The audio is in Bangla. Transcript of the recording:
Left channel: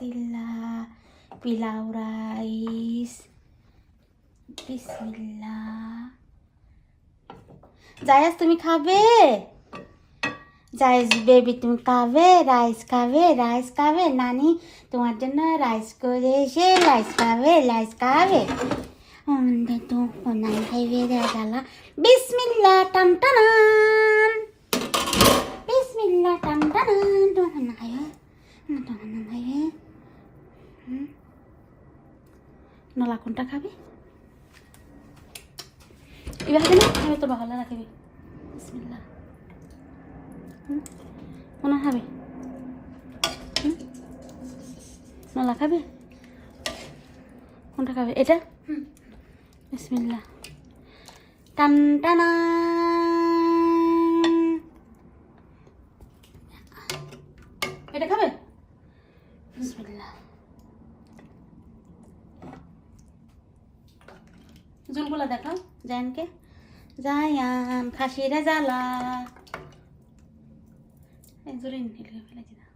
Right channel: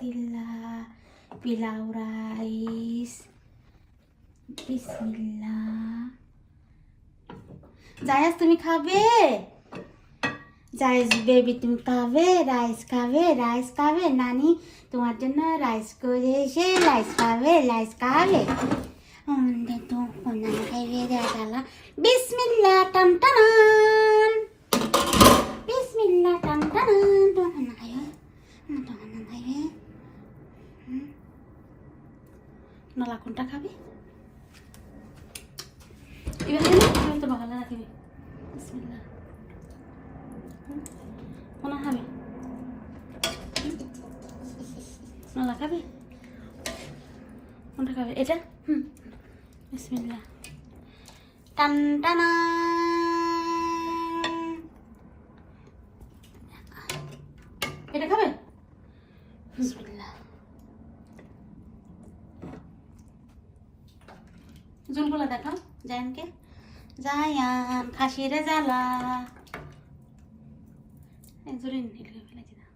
বরকাতিল্লাহ পিলাউ রাইস বিসমিল্লাহ। জায়াজ তুমি খাবে? জায়াজ বেবি তুমি খাবে? রাইস খাবে? রাইস খাবে? নানি তোমার জন্য রাইস করে এসে রাইস খাবে? রাইস খাবে? তো নাই খাইবে দেওয়া। বিসমিল্লাহ টান টানান, বিসমিল্লাহ টান টানান। তোমার না খাইবে? তোমার না খাইবে? নলা কোনটা খাবে? এবার খাবে তো বাগালা রাখবে। বিসমিল্লাহ। কোনা খাবে? নলা খাবে? কোনটা খাবে? এটা? বিসমিল্লাহ টান টানা। এটা খাবে? বিসমিল্লাহ। জুলগুলা দেখাও জায়ানকে। জায়ান খাসিরে জ্বালা জোরে ফেলে দিনা।